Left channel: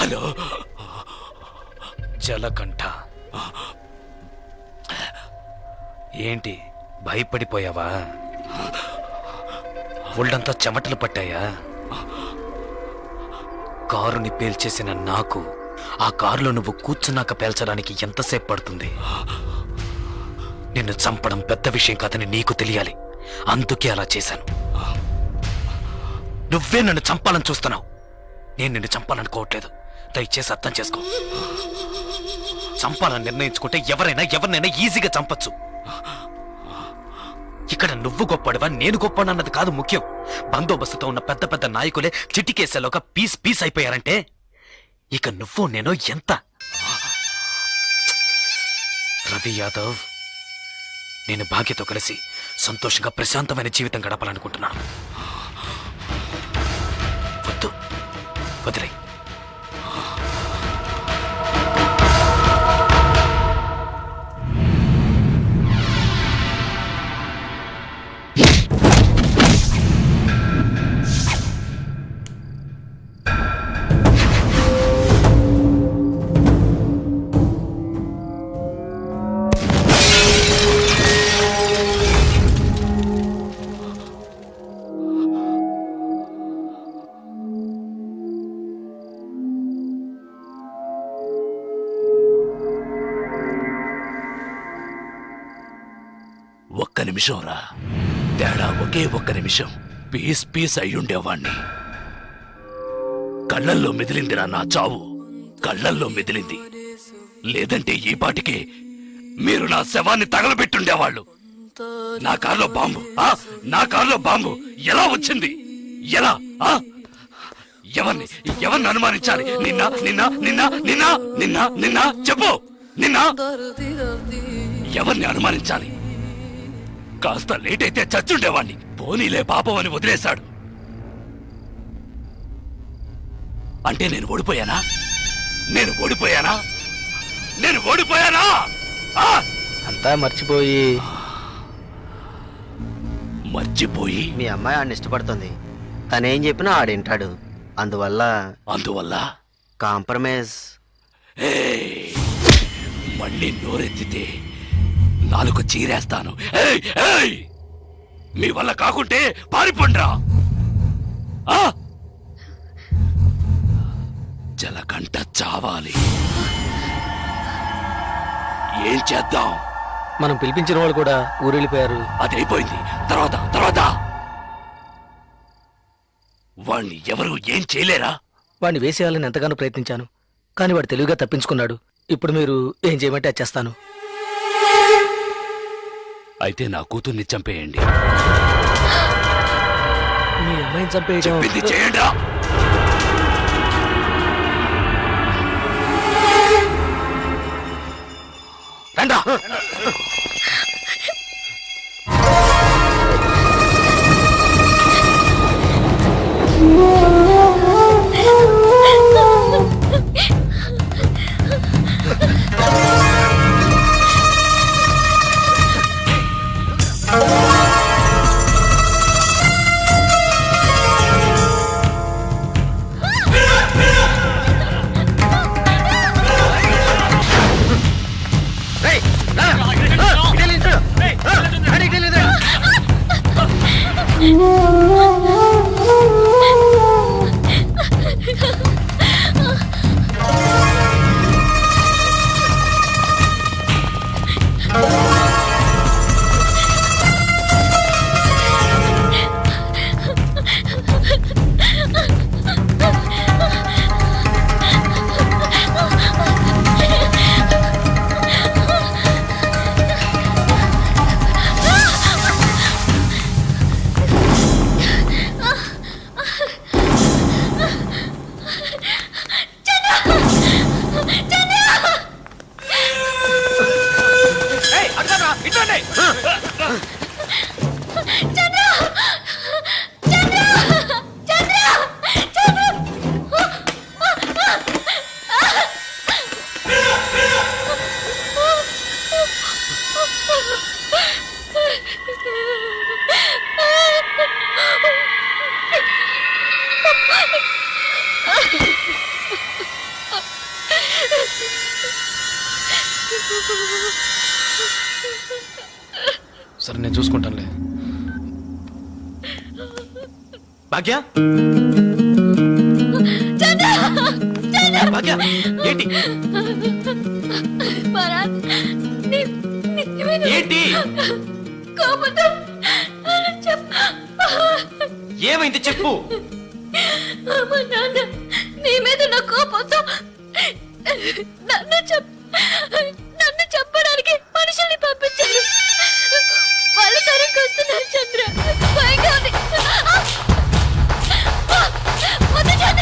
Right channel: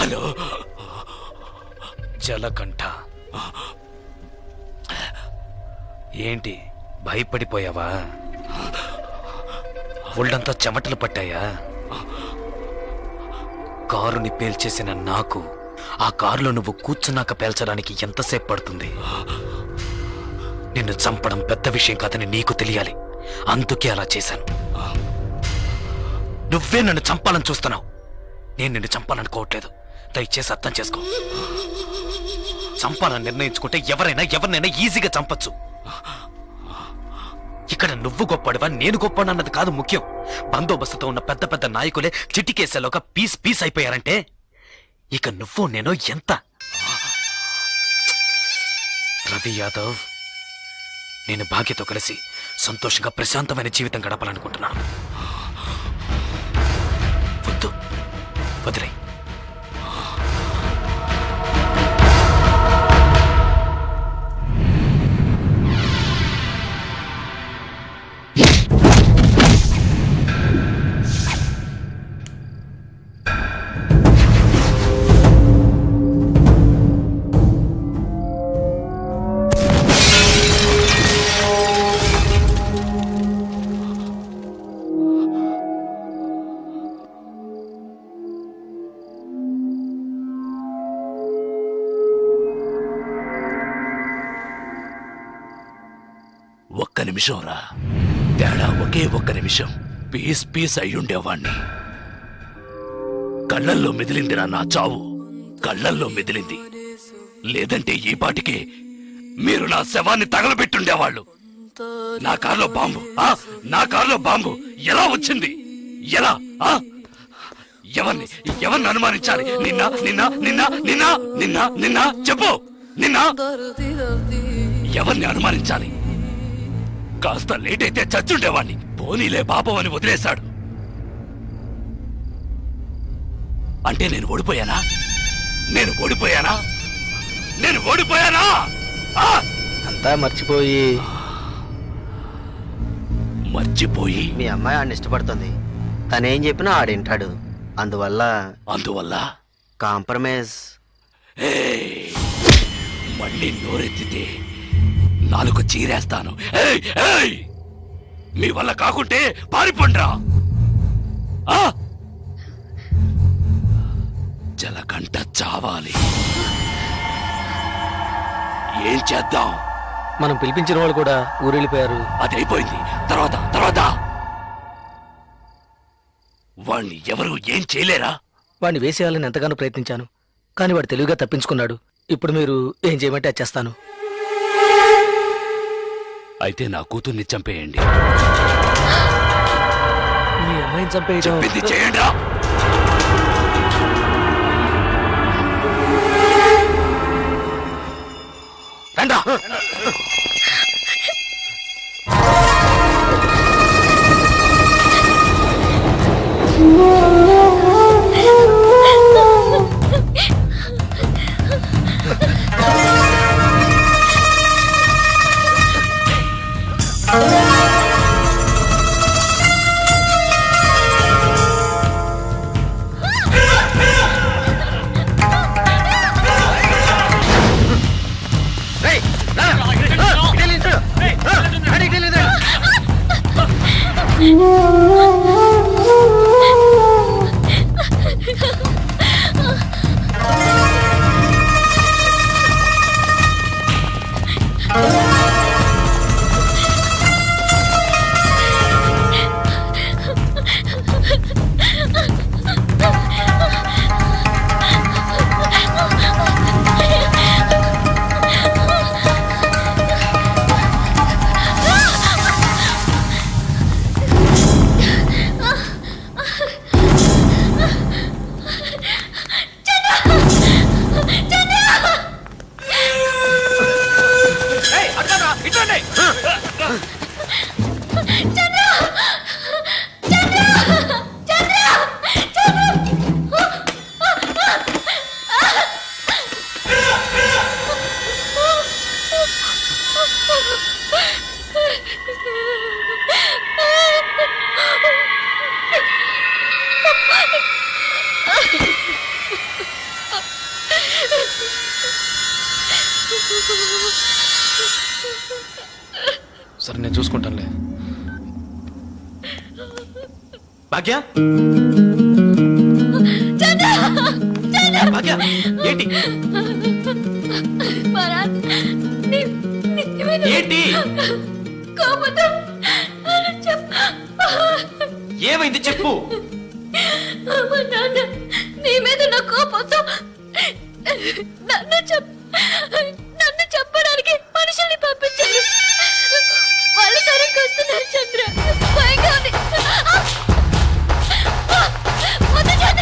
Hello జలకంఠ, ఏంటి భయపడిపోయావా? ఒళ్ళంతా చెమటలు పట్టాయా? కారుని పేల్చేసిన నాకు ఆ కారులో నువ్వు కూర్చున్నాక పేల్చడానికి ఎంతసేపు పడుతుంది? నిన్ను చంపడం పెద్ద విషయం కాదని నీకు తెలియాలి, అందుకే అలా చేశాను. నువ్వే నన్ను చంపాలని చూస్తున్నావు, నేను నిన్ను చంపాలనుకోవట్లేదు. దయచేసి అర్థం చేసుకో. చంపాలని నిర్ణయించుకుంటే ఎవరినైనా ఈజీగా చంపచ్చు. ఇక్కడ నువ్వు గొప్పడివా నేను గొప్పడన్నది కాదు ముఖ్యం. బందోబస్తుతో ఉన్న పెద్ద పెద్ద నాయకులే చిటికేసేలోగా పీస్ అయిపోయారంటే ఇక నువ్వు నేను ఎంత? రవి యాదవ్, నేను భాగ్యతో కలిసి సంతోషంగా ప్రశాంతమైన జీవితం గడపాలనుకుంటున్నాను. వద్దు, వదిలే. ఒక్క నిమిషం రా, తేడా ఒకే ఒక్క నిమిషం. పీస్ అయ్యుండేవాణ్ణి. కళ్ళల్లో మెదిలిందిరా నా చావు, కళ్ళల్లో మెదిలింది. లేదంటే ఈ పాటికే మీరు నా శవాన్ని తగలబెట్టుండేవాళ్ళు. నా కారులో బాంబు ఎలా వచ్చింది? ఎలా? ఎవరిని అనుమానించాలి? నిన్న చెప్పు. ఎవరిని అనుమానించాలి? కాస్త లేట్ అయితే చచ్చుండేవాణ్ణి. పోనీలే పాపం అని వదిలేశాడు. అంటే నేను ఓడిపోయానా? అంతా మర్చిపోయి మీ అమ్మాయి ఆడిని ఇష్టపడుతుంది. తనేం చెప్పినా ఆడింటాడు. అందువల్ల కాంప్రమైజ్. మళ్ళీ నోరెత్తితే నాలుగు చీరేస్తాను. మీ వల్ల కాకుంటే పారిపోండ్రా. జలకంఠ చావాలి. ఏం చేద్దాం? మనం పిలిపించిన వాళ్ళు కూడా ఊరెళ్ళిపోయారు. అదైపోయింది. తర్వాత వాణ్ణి ఎవరు ఏం చేయలేరా? వాణ్ణి వేసేయాలని ఎంతగానో ప్రయత్నించాను, కానీ వాడు తెలివిగా తప్పించుకున్నాడు. ఇప్పుడు మీరు ఏం చేయమంటే అది చేస్తాను. అయితే నా కూతుర్ని చంపేయండి. మీ అమ్మాయిని చంపేయడం చేయండి. రండా. చూసుకుంటానులే. భాగ్య భాగ్య ఏంటి ఏంటి ఏమైంది చెప్పు. నీ మీద నా కోపంతో నన్ను చెప్పడానికి మనుషుల్ని పంపించారు. వాళ్ళు తరంకి వస్తున్నారు చంద్ర. భయంగా ఉంది.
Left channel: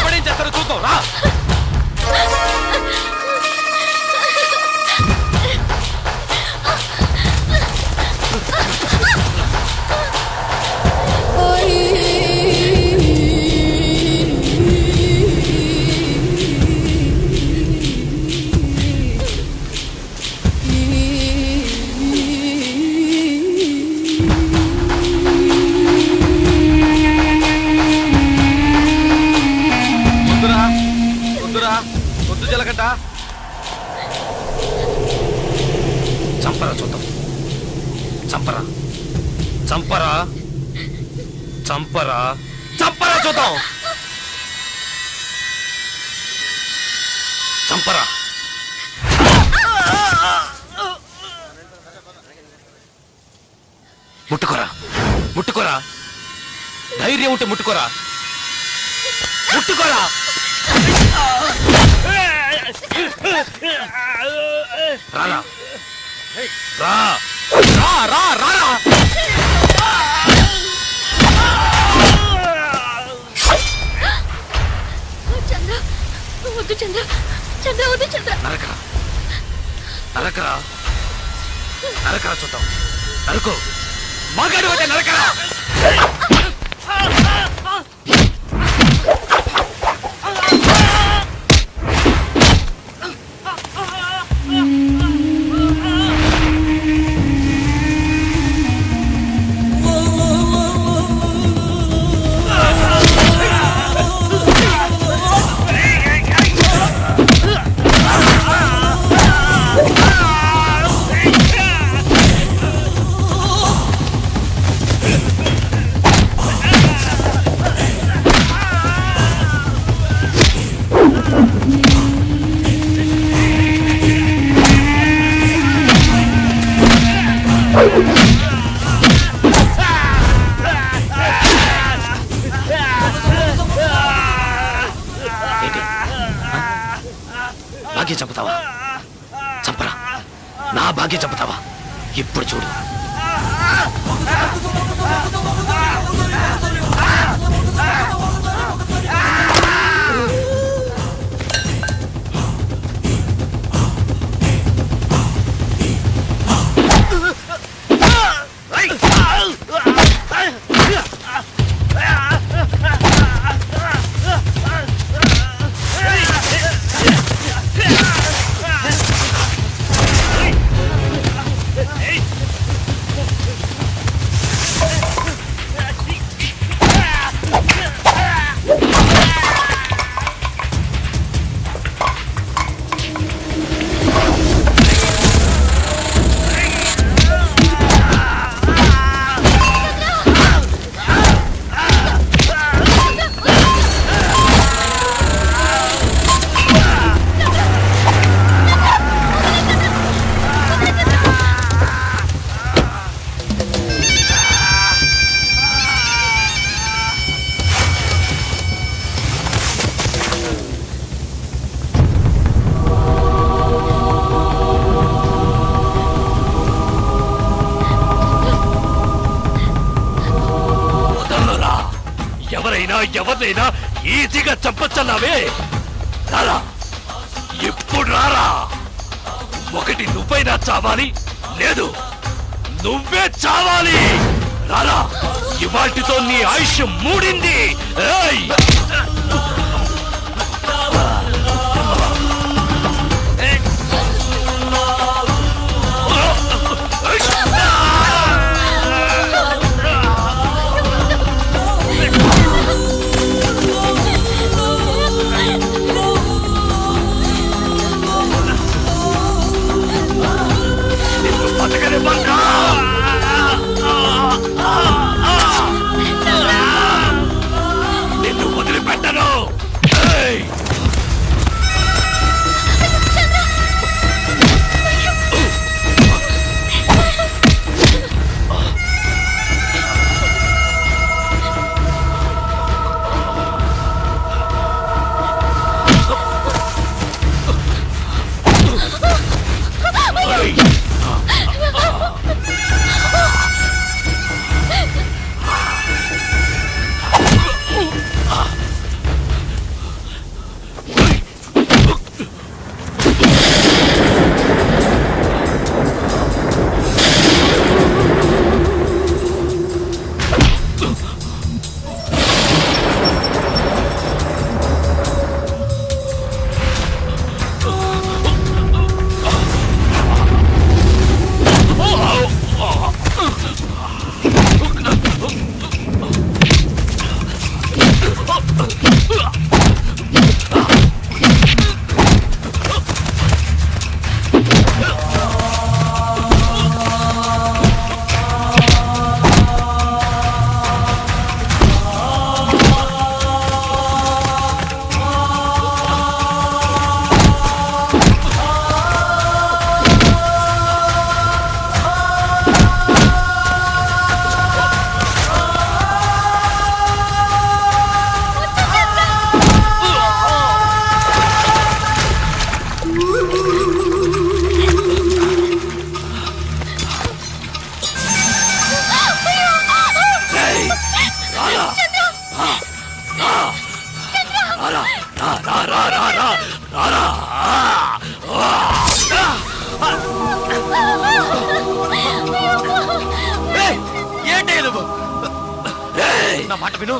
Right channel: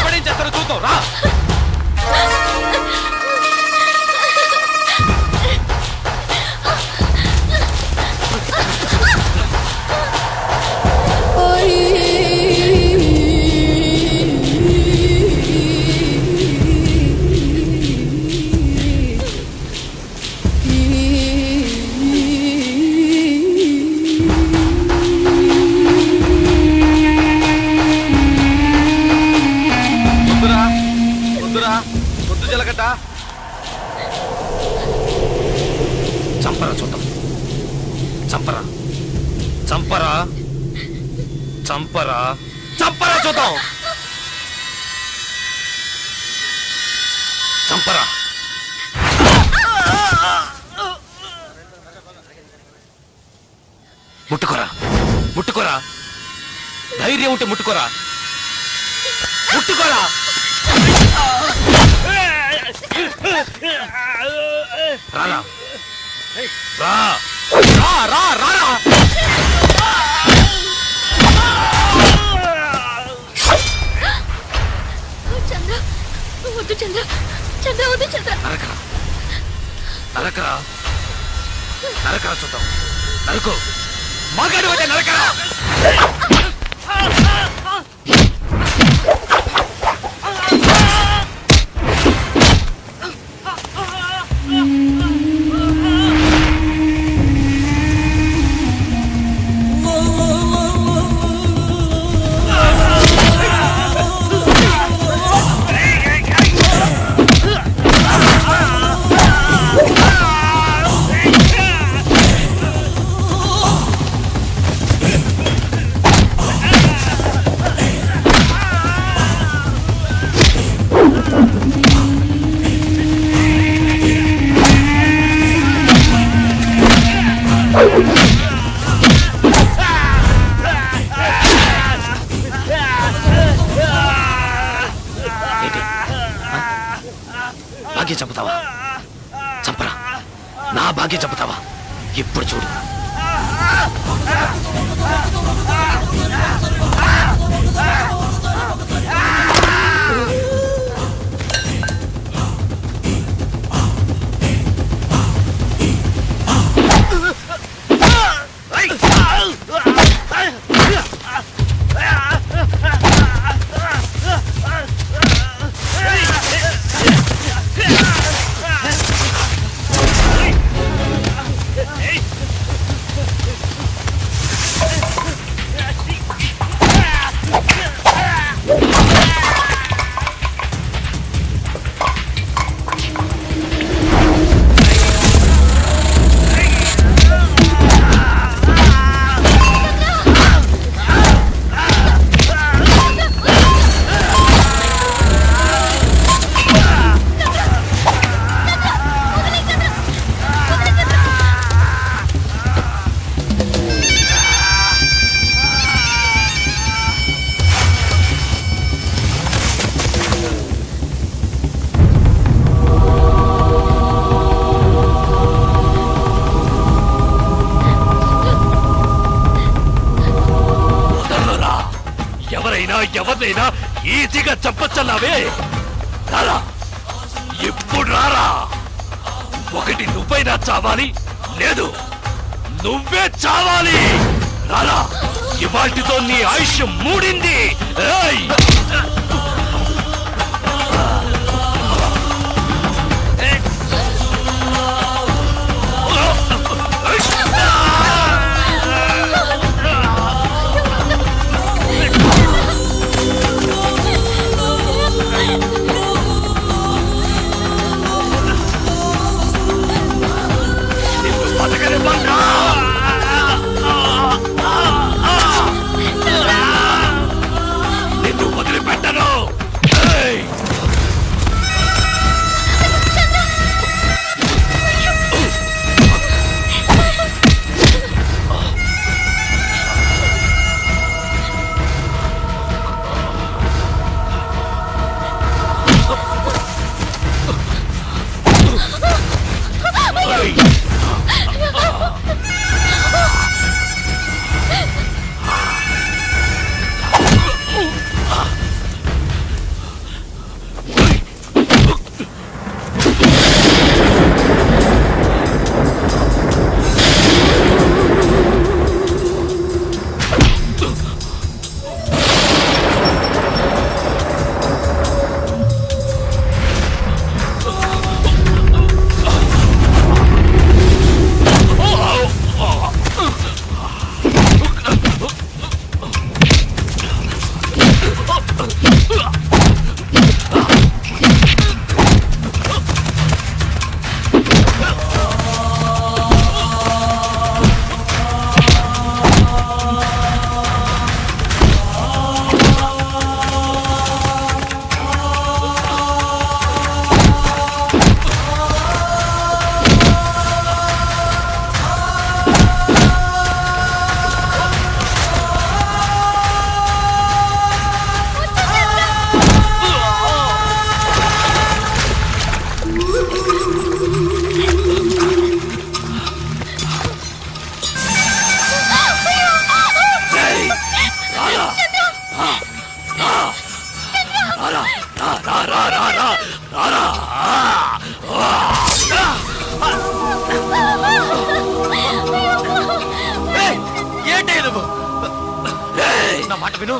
ఎవడేం చేస్తారో చూద్దాం రా. పొద్దు జలగంట చంపరా చూద్దాం. చంపరా చంపరా చంపరా చంపరా చూద్దాం. చంపరా. ముట్టుకోరా ముట్టుకోరా. ధైర్యం ఉంటే ముట్టుకోరా. ముట్టుకోరా. రారా రా రా రా రా. చంద్ర వద్దు చంద్ర. చంద్ర వద్దు చంద్ర. నరకరా నరకరా నరకరా చూద్దాం. నరుకు. మగాడు అయితే నరకరా. భాగ్యం చంపుతావా? చంపరా. నా భాగ్యం చంపుతావా? ఇప్పుడు చూడు. ఎవరినైనా ఈజీగా చంపచ్చన్నావే. రారా ఇప్పుడు రారా. ఒకటి నువ్వైనా చావాలి, లేదు నువ్వే చావాలి. రారా. ఇవాటితో నీ ఆయుష్ మూడింది. నిన్ను బతకని బంగా. ఏంటే నువ్వు నా మాట విను.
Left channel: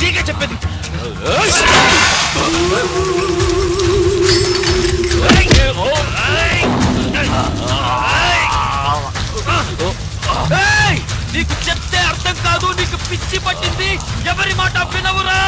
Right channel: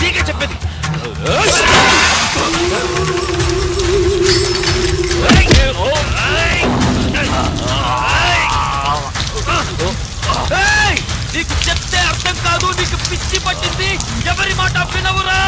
నీకే చెప్పేది. నీకు చెప్తే అర్థం కాదు, నీకు పిచ్చి పట్టింది, ఎవరి మాట వినవురా.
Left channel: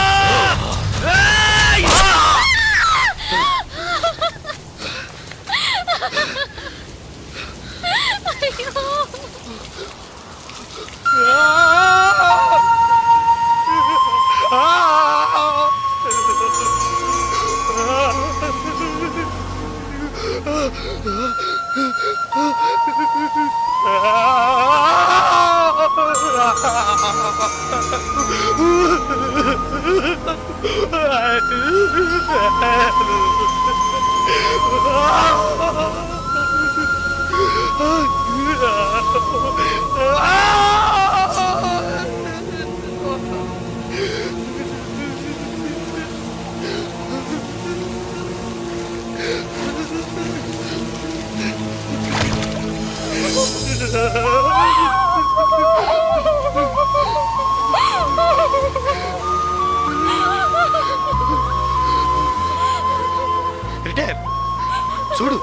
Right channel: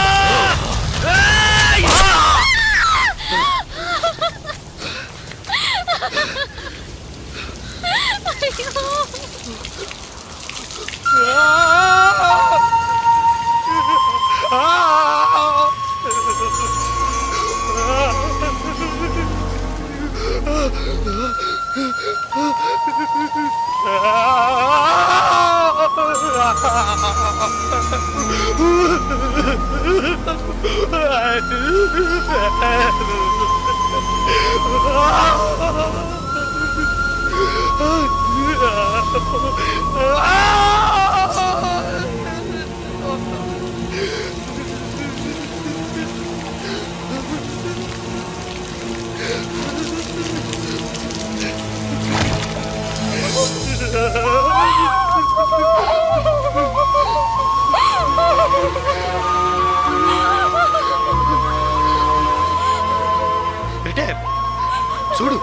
చూడు,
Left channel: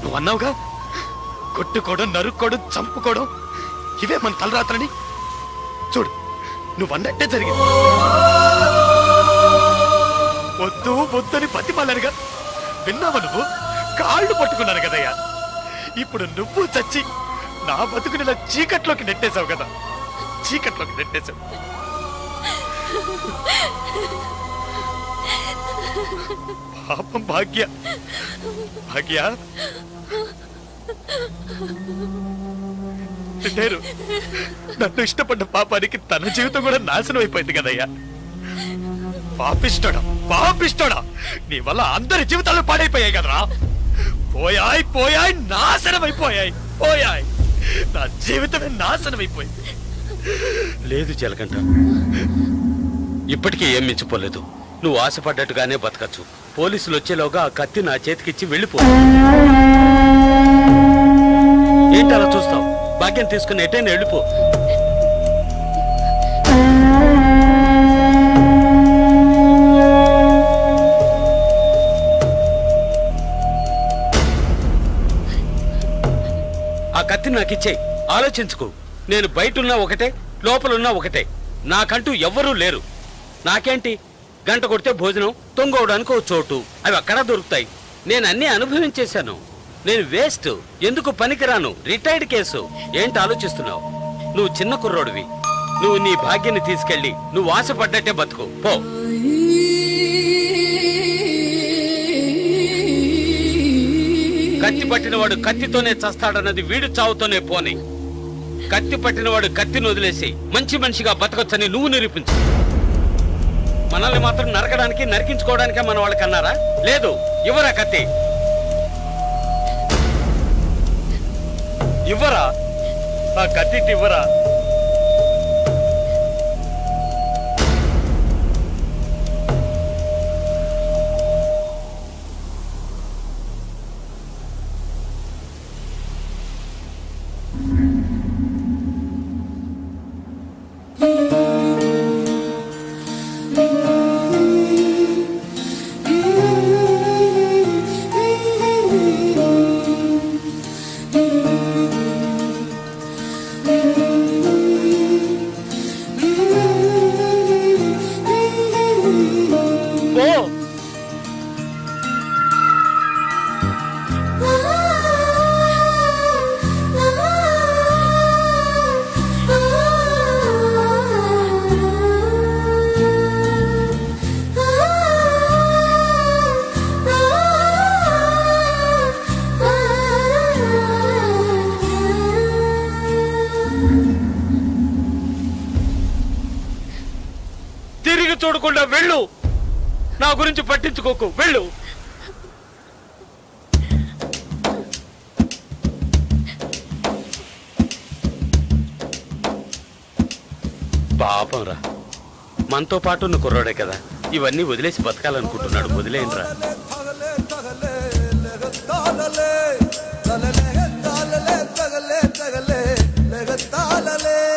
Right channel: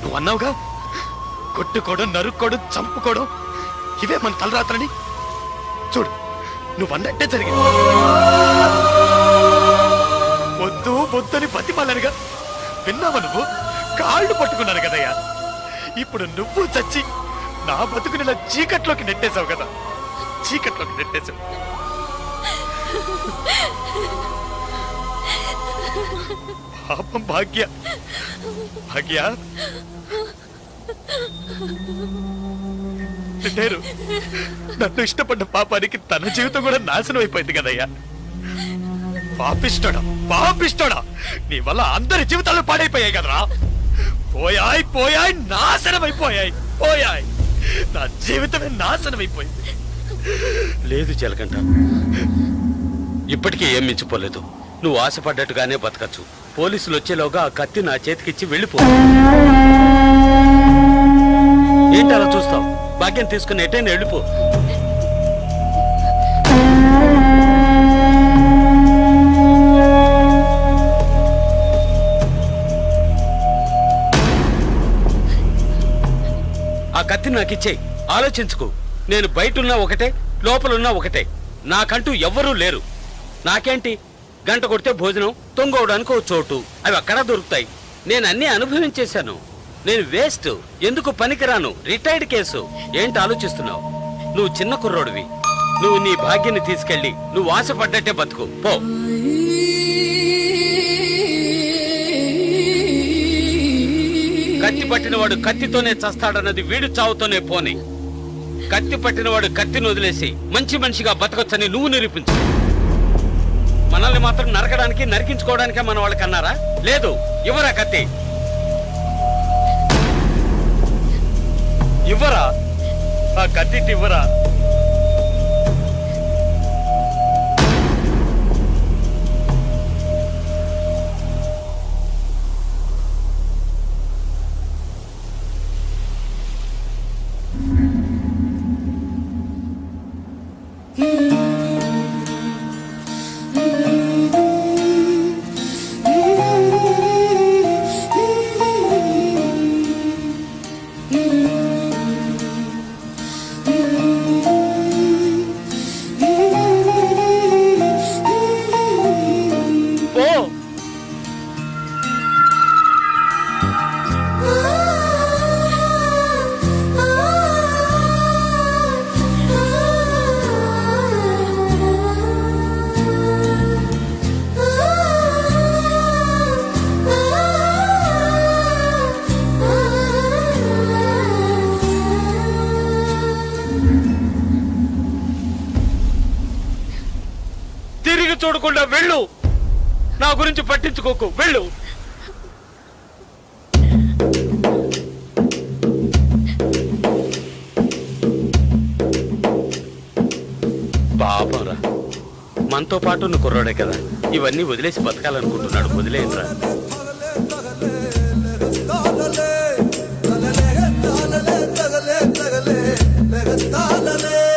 నువ్వు అన్నావుగా కొట్టుకోవడం, నరుక్కోవడం, చంపుకోవడం ఇవే మన తలరాత్రని. చూడు, నువ్వు అన్నట్టే జరిగింది. వద్దు వద్దని బతిమాలనుగా విన్నావా నువ్వు? కాళ్ళు పట్టుకున్నాను కదయ్యా. ఇప్పుడు నువ్వు చచ్చి నా బతుకుని చీకట్లోకి నెట్టేశావు కదా, చీకట్లోకి నెట్టేశావు. పాపం భాగ్య, భాగ్య నేను నన్ను ఇష్టపడ్డ పాపానికి తన జీవితం కూడా నాశనం అయిపోయింది కదయ్యా. పాపిష్టోడా, పాపిష్టోడా, నీ వల్ల అందరి జీవితాలు పాడైపోయాయి కదరా. పోయాయి పోయాయి, నాశనం అయిపోయాయి, పోయాయి. నా జీవితమే నాశనం అయిపోయింది. లేదు జలకంఠ, ఇప్పటికీ ఏం మించిపోలేదు. నువ్వు ఆశపడ్డట్టుగానే బతకచ్చు. పోలీసులు వచ్చేలోగా ఆ కత్తి నా చేతికిచ్చి వెళ్ళిపో. ఏంటి అలా చూస్తావు? భాగ్యం తీసుకుని ఎటైనా వెళ్ళిపో. ఆ కత్తి నాకిచ్చేయి. ఆలోచించుకో. నేను బయటున్నా ఒకటే, లోపలున్నా ఒకటే. నాకంటూ ఎవ్వరూ లేరు. నాకేంటి, గంట కొడితే భోజనం, తొంగవడానికి ఓ చోటు, అవి అక్కడా దొరుకుతాయి. నేను అన్నీ అనుభవించేశాను. నేను వేస్ట్, ఎందుకు పనికిరాను, రిటైర్డ్ కేసు. ఏంటి ఆలోచిస్తున్నావు? నువ్వు చిన్న కుర్రోడివి. నువ్వు నీ భాగ్యాన్ని తీసుకెళ్ళి నువ్వు ఆశపడ్డట్టే బతుకు పో. కత్తి పట్టినవాడు కత్తితోనే చస్తాడన్నది వీడు చావుతోనే పోని. కత్తి పట్టినవాడు కత్తిని వదిలేసి మంచి మనిషిగా బతకొచ్చని నువ్వు నిరూపించు. మనల్ని మాత్రం నరకడానికి, నరికించుకోవడానికే మన వాళ్ళకి అన్నారా? లేదు. ఇవ్వరా కత్తి, ఇవ్వరా ఆ కత్తి, ఇవ్వరా. తిరిగి చూడకుండా వెళ్ళు. నా గురించి పట్టించుకోకు, వెళ్ళు. పాపంరా, మనతో పాటు ఉన్న కుర్రాడే కదా, ఇవన్నీ వదిలేసి బతకాలనుకుంటున్నాడు. వదిలేయండిరా. తగలే